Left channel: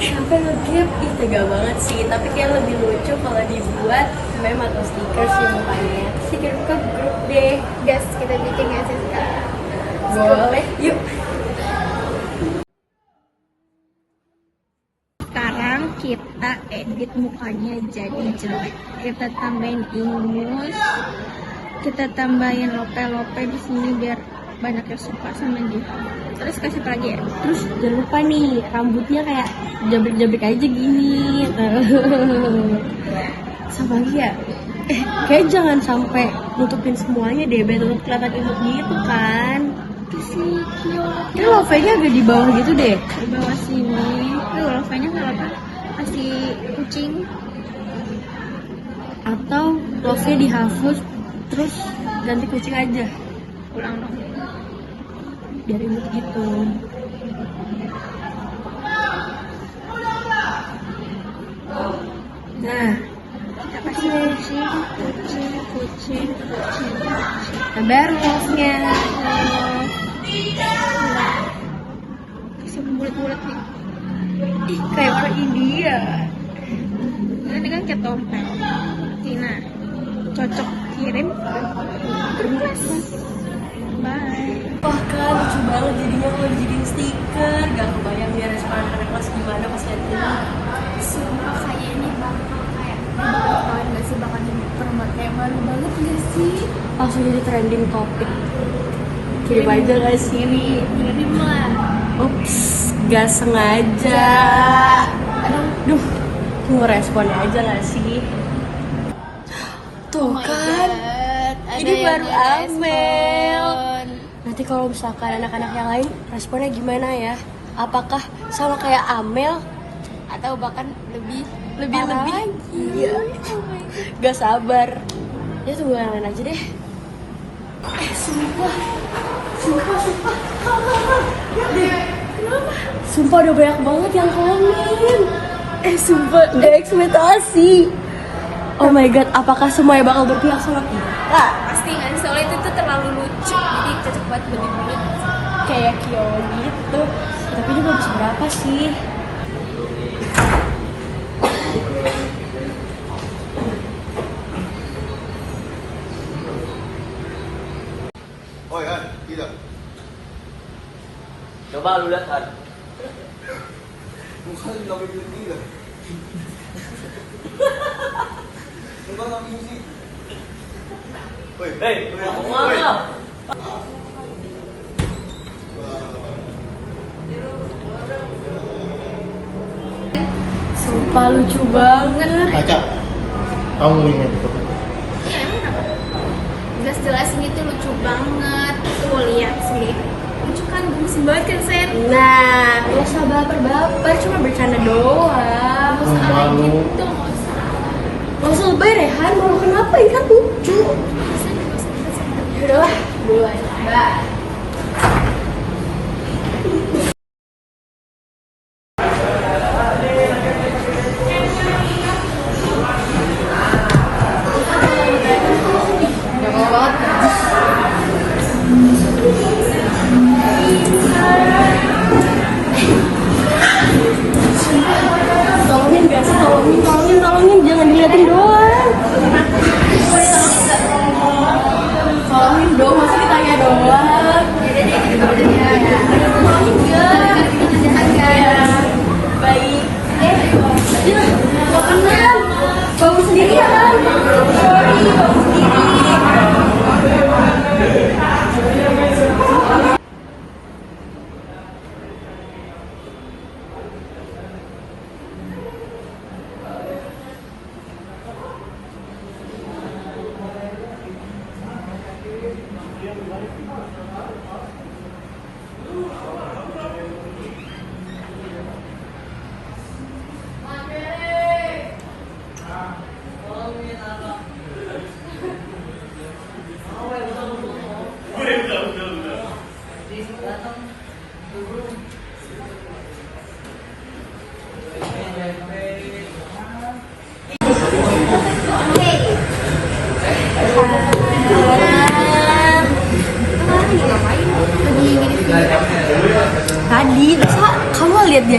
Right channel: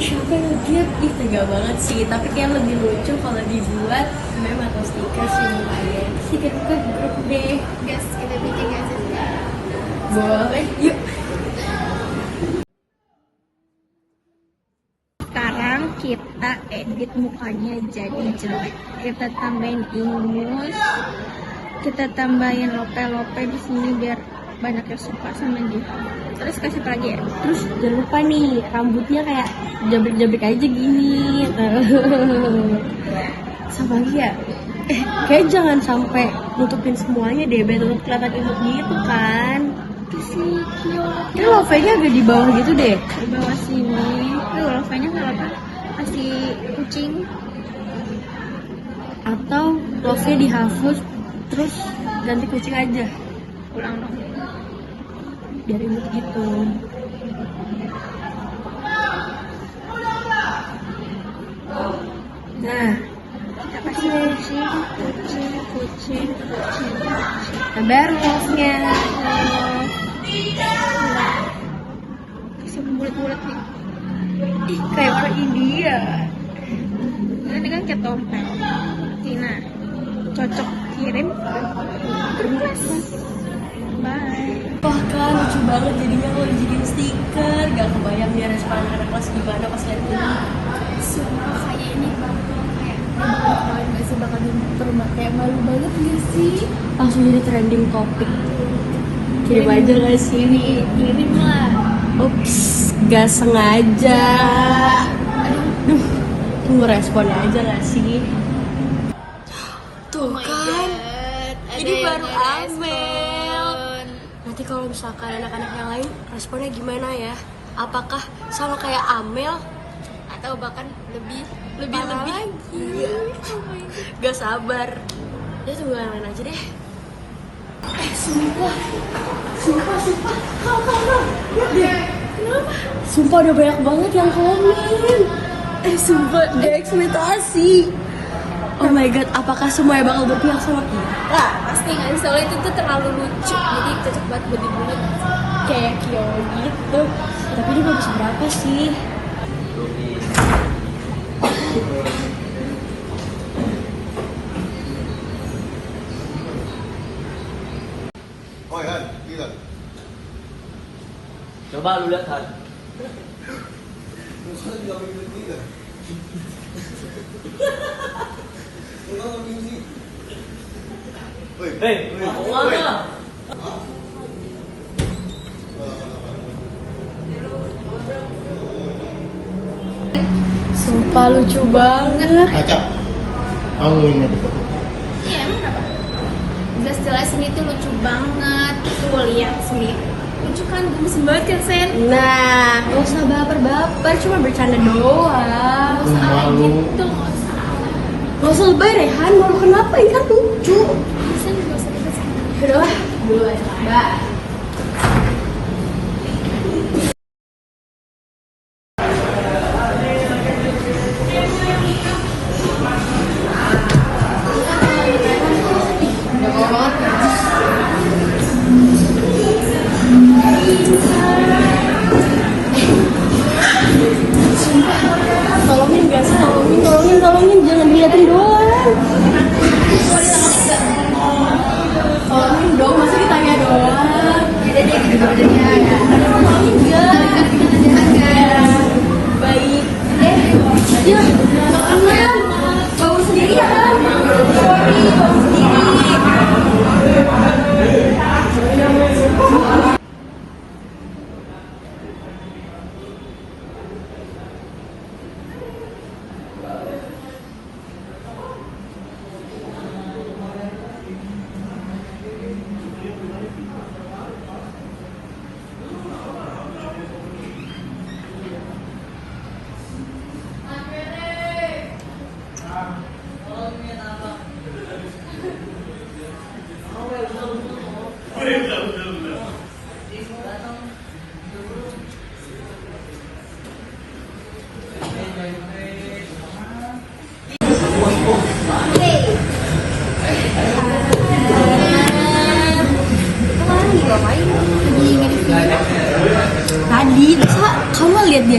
siapa yang nge-gap? Ih tega banget sih, tapi kayak lebih lucu kalau dibuat meme atau stiker sih mukanya. Stiker ke grup deh. Gas, kita bikin ya sih. Boleh, yuk. Sekarang kita edit mukanya jadi jelek. Kita tambahin ingus, kita tambahin lope-lope di sini biar banyak yang suka sama dia. Terus kasih apa lagi ya? Terus jangan lupa nih, rambutnya kayak jabrik-jabrik aja gini. Sama lagi ya? Kayak jangan sampai nutupin semuanya deh, biar tetap kelihatan imut gitu kan. Kasih kiok Ini lovenya agak di bawah gitu deh. di bawah sini. Lope-nya nggak apa? Kasih kucing. Atau love-nya dihapus, terus ganti kucing aja. Ulang dong. Biar imut gitu. Nah, Kita kasih kucing. nah baru love-nya. Kasih bulat-bulat nih. Ih, kayak orang India. Ini kan kayak tompel. Tina, cocok kirim. Bye. Wah kan lucu banget jadinya kalau dijadiin stiker. Gak kebayang dia respon anak-anak kelas gimana pas lihat ini. Sumpah kayak ini bakal kayak banget gak sih, bakal dipermat kayak malu banget gak sih? Langsung jadi trending topik. Kirim aja gak sih? Kirim lah. Ups, gak sengaja. Duh, tunggu responnya aja gak sih? Tuh kan, ini baru Amel. Nanti kalau misalkan anak-anak yang lain responnya gimana ya? Apakah sama kayak Amel atau bahkan lebih parah lagi? Iya. Gak sabar. Ya tunggu yang lain aja deh. Sumpah. Lihat deh. Kenapa? Sumpah udah banyak banget yang komen. Sumpah gak ekspektasi. Oh my god, apakah semuanya bakal berpihak sama kita? Pasti nggak sih, soalnya itu tuh terlalu lucu, jadi cocok buat buat dibuat. Kayak Kyo gitu. Tapi juga bisa berapa sih? Oh ya, iya. Coba lu lihat kan. Muka nggak begitu juga. Muka nggak begitu. Woi, Mau kemana? Sumpah lucu banget. Kaca. Kamu ini ada foto. Iya emang kenapa? Jelas ini tuh lucu banget. Tuh lihat sendiri. Lucu kan, gemesin banget kan Sen? Nah, gak usah baper-baper, cuma bercanda doang. Gak usah alay gitu, gak usah. Gak usah lebay Rehan, malu kenapa? Ini kan lucu. Sen gak usah kita Sen. Udahlah, dulu aja. Bye. Tolongin guys, tolongin, jangan diliatin doang. Tolongin dong, masa ditanya doang. Ya deh kita coba jadi ya. Tolongin guys. Kita kerjakan. Baik. Ya, makanan. Bagus sendiri kan?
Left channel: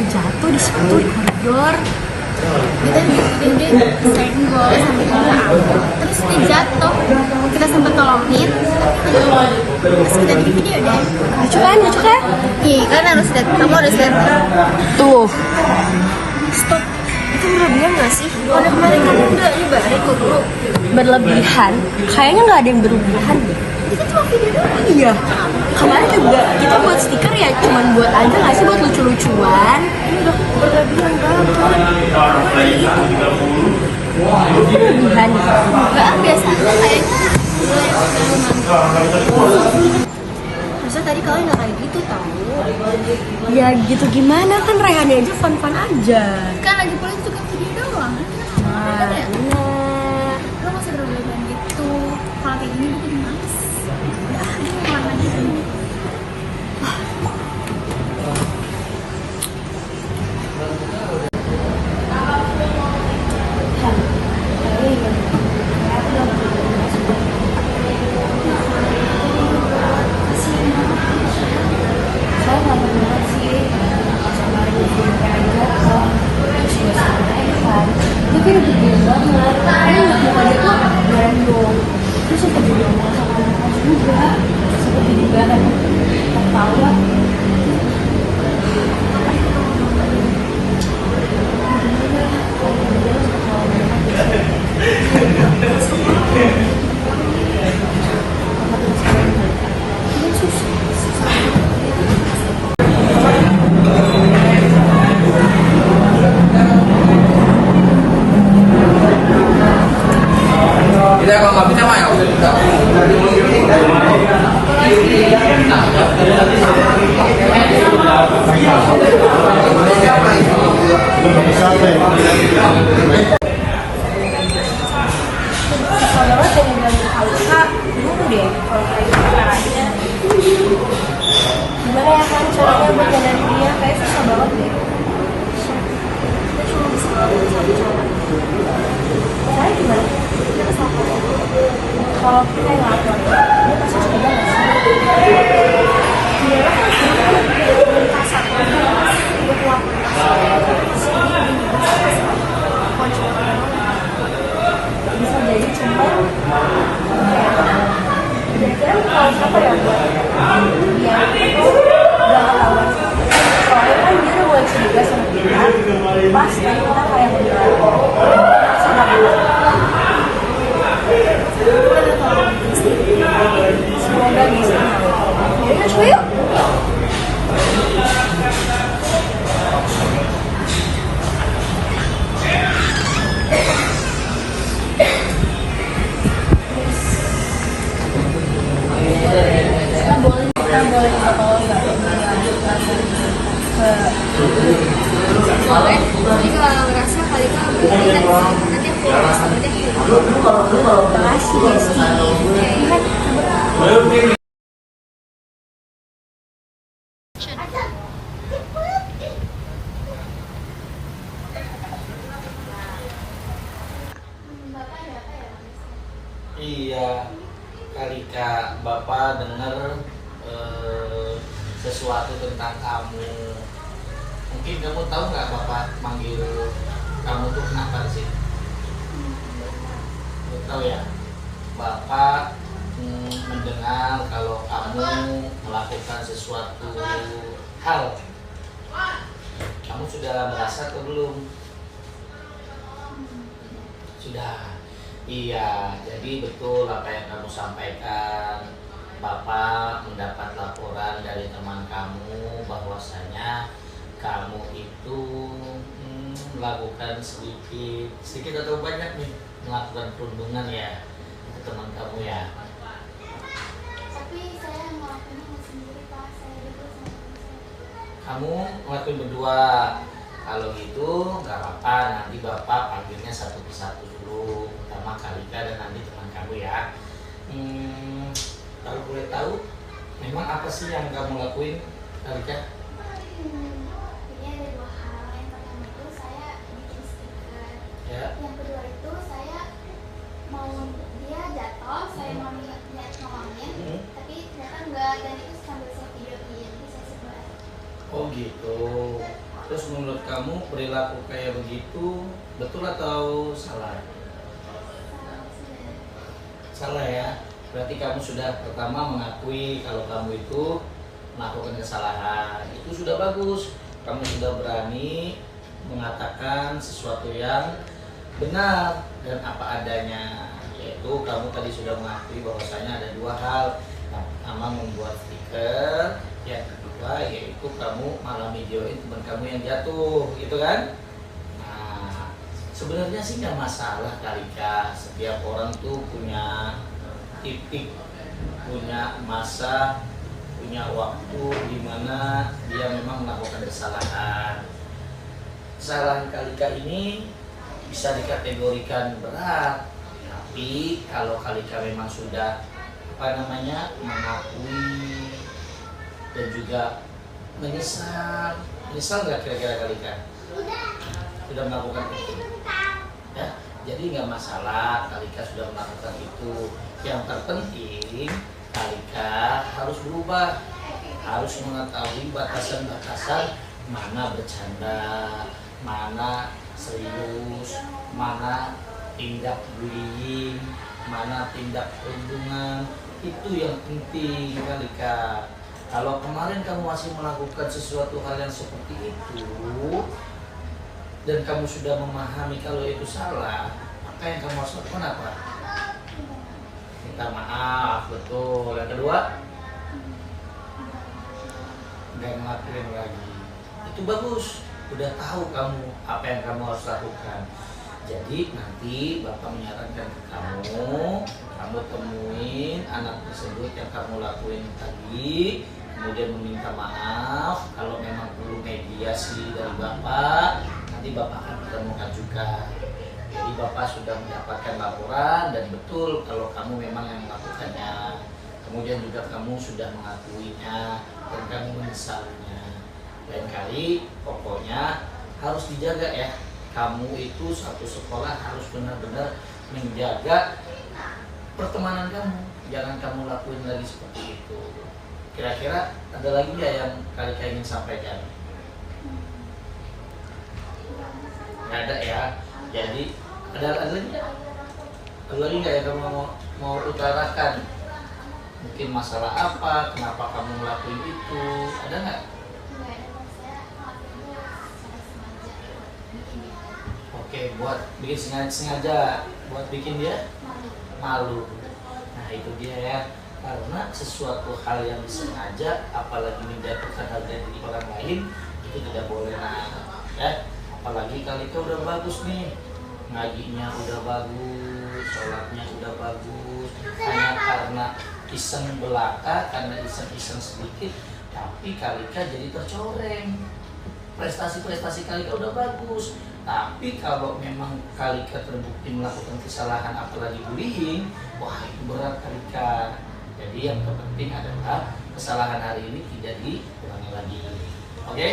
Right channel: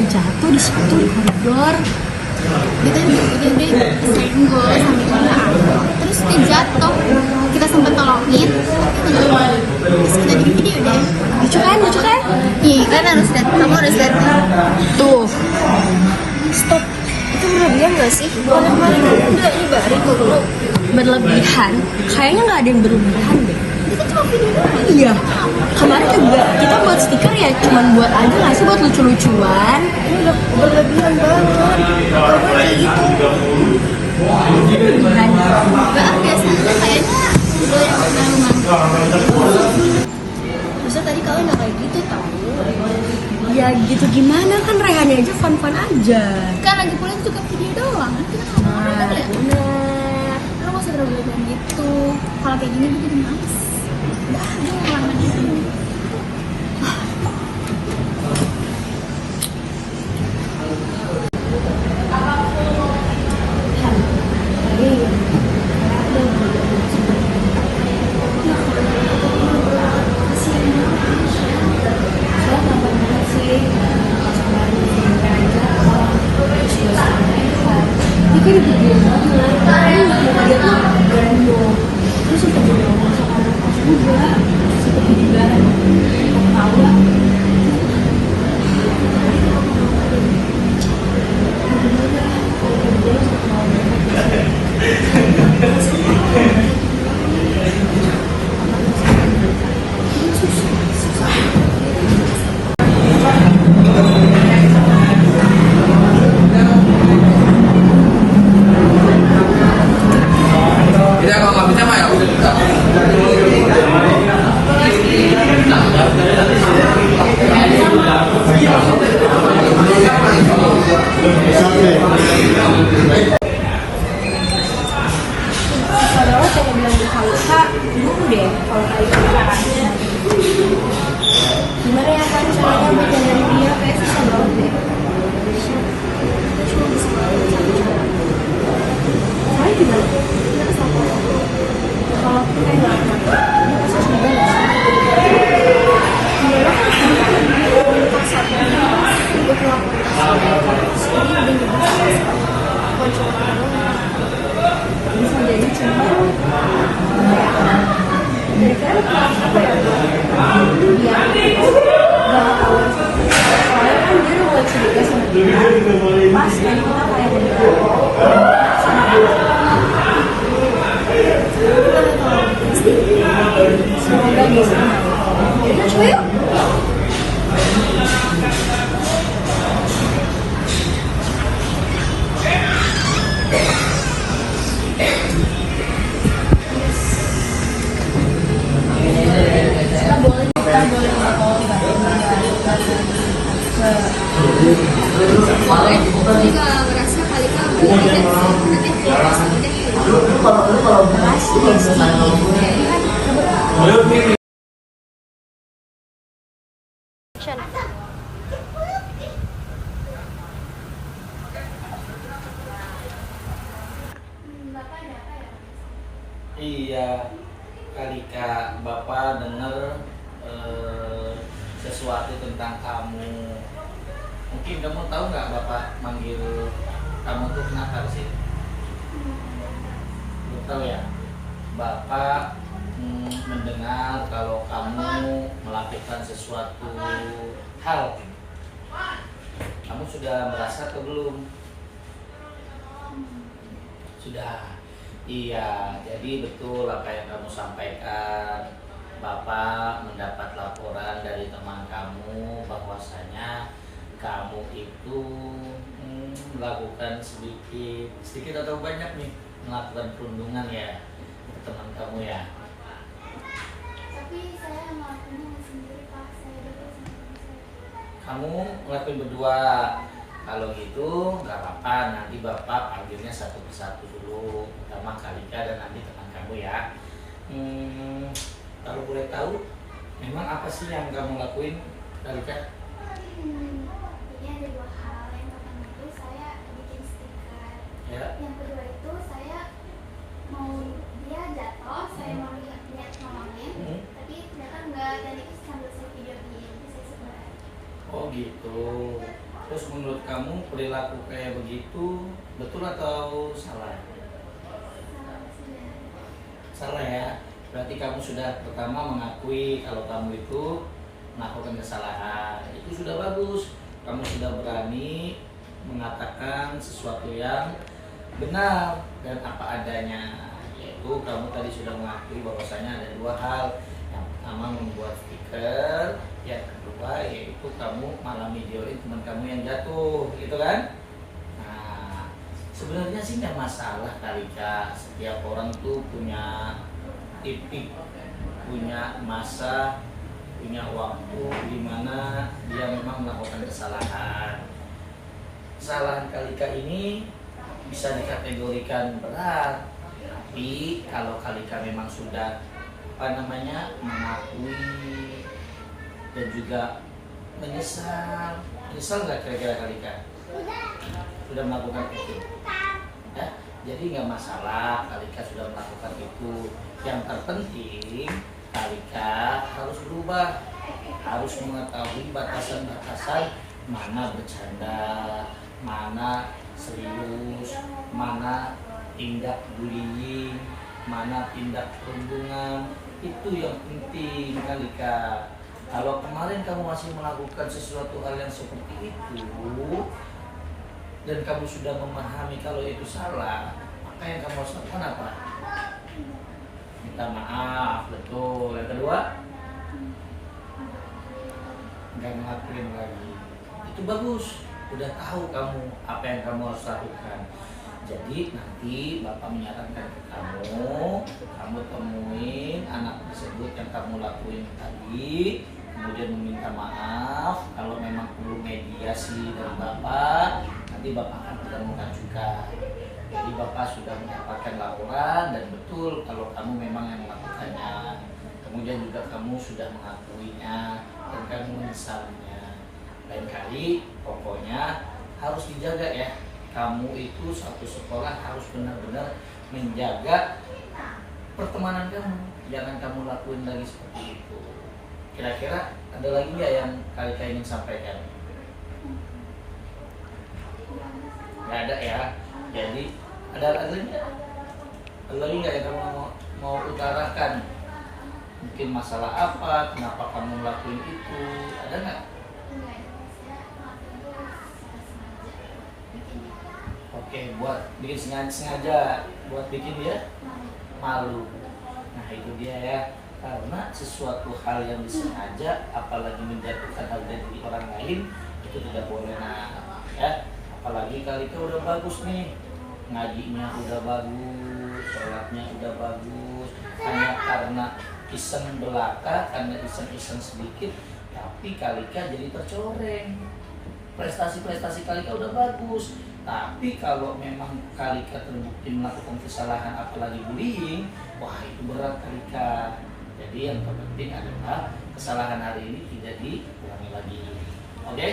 dia jatuh di situ di koridor. Kita dia senggol sampai juga ambil, terus dia jatuh, kita sempet tolongin, terus kita bikin video deh. Lucu kan? Iya, kalian harus lihat, kamu harus lihat tuh. Stop. Itu berlebihan gak sih? Kalau kemarin kan udah nyebarin kok bro. Berlebihan? Kayaknya nggak ada yang berlebihan deh. Itu kan cuma video doang. Iya. Kemarin juga kita buat stiker ya, cuman buat aja nggak sih, buat lucu-lucuan. Ini udah berlebihan banget kan? Itu berlebihan. Enggak, biasanya kayaknya lo yang terlalu mantap. Masa tadi kalian nggak kayak gitu tahu? Ya gitu gimana, kan Rehannya aja fun-fun aja. Kan lagi pula itu juga video doang, kan kita nggak mau nonton ya. Bener. Lo nggak usah berlebihan gitu. Kalau kayak gini bikin males. Udah, gue mau makan itu. Itu udah gede banget. Ini muka dia tuh random. Dia suka jadi ngomong sama anak juga. Seperti juga kan tahu. Padahal pengen bilang di Kak, bingung deh kalau kayak gitu caranya. Gimana ya kamu caranya buat jalan dia? Kayak susah banget gitu. Kita cuma bisa ngelakuin satu cara. Caranya gimana? Kita bisa lakukan. Kalau kita yang ngelakuin, dia pasti coba nggak sih? Gimana kalau kita melakukan satu buat ngelakuin kunci utama doang. Bisa jadi cuma kira-kira kalau apa ya buat biar itu gak ketahuan soalnya kan dia buat cerita sama kita pas kan kita kayak ngobrol sama dia kita udah tahu pasti semoga bisa kita coba yuk. Kita boleh minta tolong nggak? Tapi kalau merasa kali itu Makasih guys. Iya, kali Kak, Bapak dengar sesuatu tentang kamu. Mungkin kamu tahu nggak Bapak manggil kamu tuh kenapa sih? Belum tahu ya. Bapak mendengar kalau kamu melakukan sesuatu hal. Kamu sudah merasa atau belum? Sudah. Iya, jadi betul apa yang kamu sampaikan. Bapak mendapat laporan dari teman kamu bahwasanya kamu itu melakukan sedikit atau banyak nih melakukan perundungan ya ke teman kamu ya. tapi saya ngelakuinnya sendiri Pak, saya dulu sama teman saya. Kamu ngelakuin berdua. Kalau gitu nggak apa-apa, nanti Bapak panggilnya satu persatu dulu, pertama Kalika dan nanti teman kamu ya. Kalau boleh tahu, memang apa sih yang kamu lakuin, Kalika? Ini ada dua hal. Yang pertama itu saya bikin stiker. Ya. Yang kedua itu saya mau dia jatuh, saya mau lihat nolongnya, tapi ternyata enggak, dan itu sambil saya videoin, jadi saya sebar. Oh gitu. Terus menurut kamu perilaku kayak begitu betul atau salah? Salah ya. Berarti kamu sudah pertama mengakui kalau kamu itu melakukan kesalahan. Itu sudah bagus. Kamu sudah berani mengatakan sesuatu yang benar dan apa adanya. Yaitu kamu tadi sudah mengakui bahwasanya ada dua hal. Yang pertama membuat stiker, yang kedua yaitu kamu malah videoin teman kamu yang jatuh, gitu kan? Nah, sebenarnya sih nggak masalah kali Kak. Setiap orang tuh punya titik, punya masa, punya waktu di mana dia memang melakukan kesalahan. Kesalahan Kalika ini bisa dikategorikan berat, tapi kalau Kalika memang sudah mengakui dan juga menyesal nggak kira-kira Kalika sudah melakukan itu ya, jadi nggak masalah Kalika sudah melakukan itu. Yang terpenting Kalika harus berubah, harus mengetahui batasan-batasan mana bercanda, mana serius, mana tindak bullying, mana tindak perundungan. Itu yang penting Kalika. Kalau kemarin kamu masih melakukan sesuatu hal yang seperti itu dan kamu sudah memahami kalau itu salah, maka yang kamu harus lakukan apa? Minta maaf, betul. Yang kedua, nggak ngelakuin lagi. Itu bagus. Udah tahu kamu apa yang kamu harus lakukan. Jadi nanti Bapak menyarankan ke kamu temuin anak tersebut yang kamu lakuin tadi, kemudian meminta maaf. Kalau memang perlu mediasi dari Bapak, nanti Bapak akan pertemukan juga. Jadi Bapak sudah mendapatkan laporan dan betul kalau kamu memang yang melakukannya. Kemudian juga kamu sudah mengakuinya dan kamu menyesalinya. Lain kali pokoknya harus dijaga ya. Kamu itu satu sekolah harus benar-benar menjaga pertemanan kamu. Jangan kamu lakuin lagi seperti itu. Kira-kira ada lagi nggak yang Kalika ingin sampaikan? Nggak ada ya. Jadi ada lagi nggak yang kamu mau utarakan? Mungkin masalah apa? Kenapa kamu ngelakuin itu? Ada nggak? Oke, buat bikin sengaja buat bikin dia malu. Nah itu dia ya, karena sesuatu hal yang disengaja, apalagi menjatuhkan harga diri orang lain, itu tidak boleh. Nah ya, apalagi Kalika udah bagus nih, ngajinya udah bagus, sholatnya udah bagus, hanya karena iseng belaka, karena iseng-iseng sedikit, tapi Kalika jadi tercoreng. Prestasi-prestasi Kalika udah bagus, tapi kalau memang Kalika terbukti melakukan kesalahan apalagi bullying, wah itu berat Kalika. Jadi yang terpenting adalah kesalahan hari ini tidak diulangi lagi. Oke?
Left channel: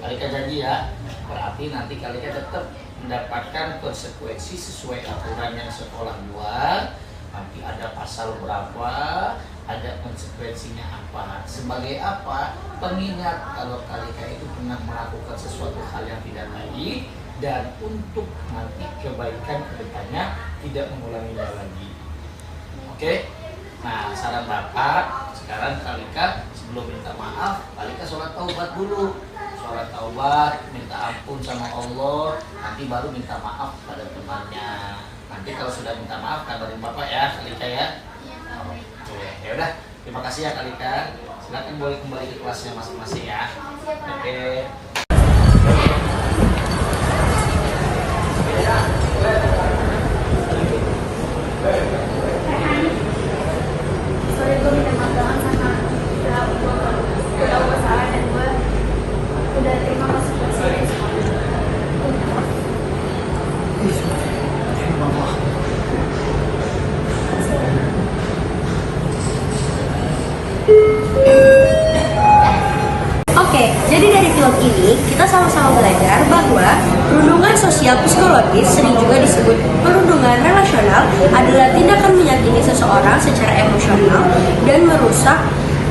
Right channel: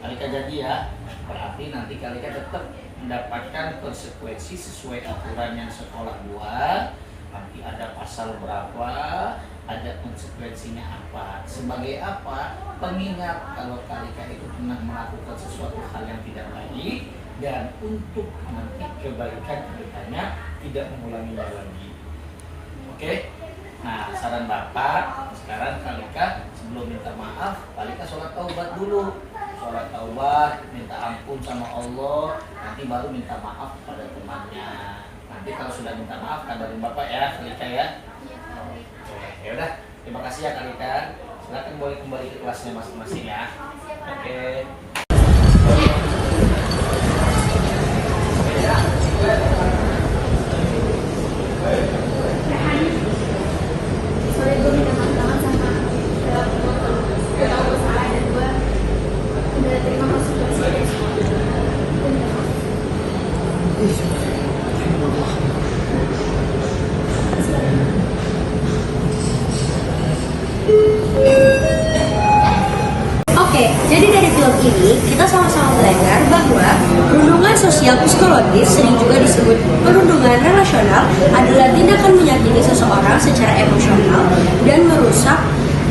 Kalika janji ya, berarti nanti Kalika tetap mendapatkan konsekuensi sesuai aturan yang sekolah buat. Nanti ada pasal berapa, ada konsekuensinya apa. Sebagai apa? Pengingat kalau Kalika itu pernah melakukan sesuatu hal yang tidak baik, dan untuk nanti kebaikan kedepannya tidak mengulanginya lagi. Oke? Nah, saran Bapak, sekarang Kalika sebelum minta maaf, Kalika sholat taubat dulu. Sholat taubat, minta ampun sama Allah, nanti baru minta maaf pada temannya. Nanti kalau sudah minta maaf, kabarin Bapak ya, Kalika ya. Oke, ya udah. Terima kasih ya Kalika. Silakan boleh kembali ke kelasnya masing-masing ya. Oke. Sorry, gue minta maaf banget sama gue tau gue salah dan gue udah terima konsekuensi. Gue minta maaf. Oke, jadi dari film ini kita sama-sama belajar bahwa perundungan sosial psikologis, sering juga disebut perundungan relasional, adalah tindakan menyakiti seseorang secara emosional dan merusak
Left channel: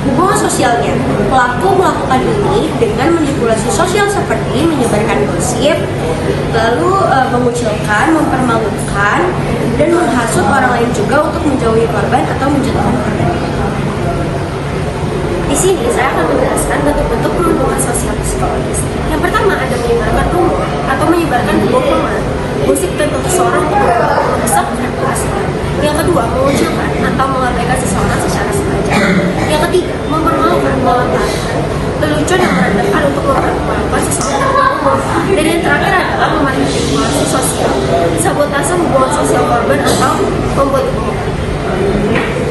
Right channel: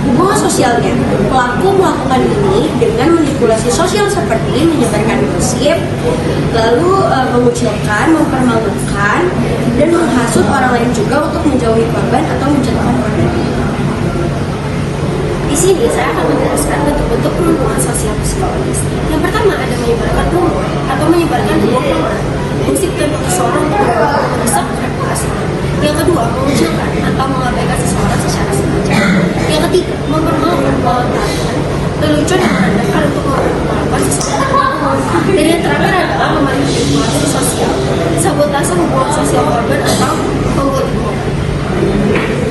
Hubungan sosialnya, pelaku melakukan ini dengan manipulasi sosial seperti menyebarkan gosip, lalu mengucilkan, mempermalukan, dan menghasut orang lain juga untuk menjauhi korban atau menjatuhkan korban. Di sini saya akan menjelaskan bentuk-bentuk perlindungan sosial psikologis. Yang pertama ada menyebarkan rumor atau menyebarkan kebohongan, gosip tentang seseorang untuk merusak reputasinya. Yang kedua, mengucilkan atau mengabaikan seseorang secara sengaja. Yang ketiga, mempermalukan, melontarkan lelucon yang merendahkan untuk mempermalukan seseorang di depan umum. Dan yang terakhir adalah memanipulasi sosial, sabotase hubungan sosial korban atau membuat kebohongan.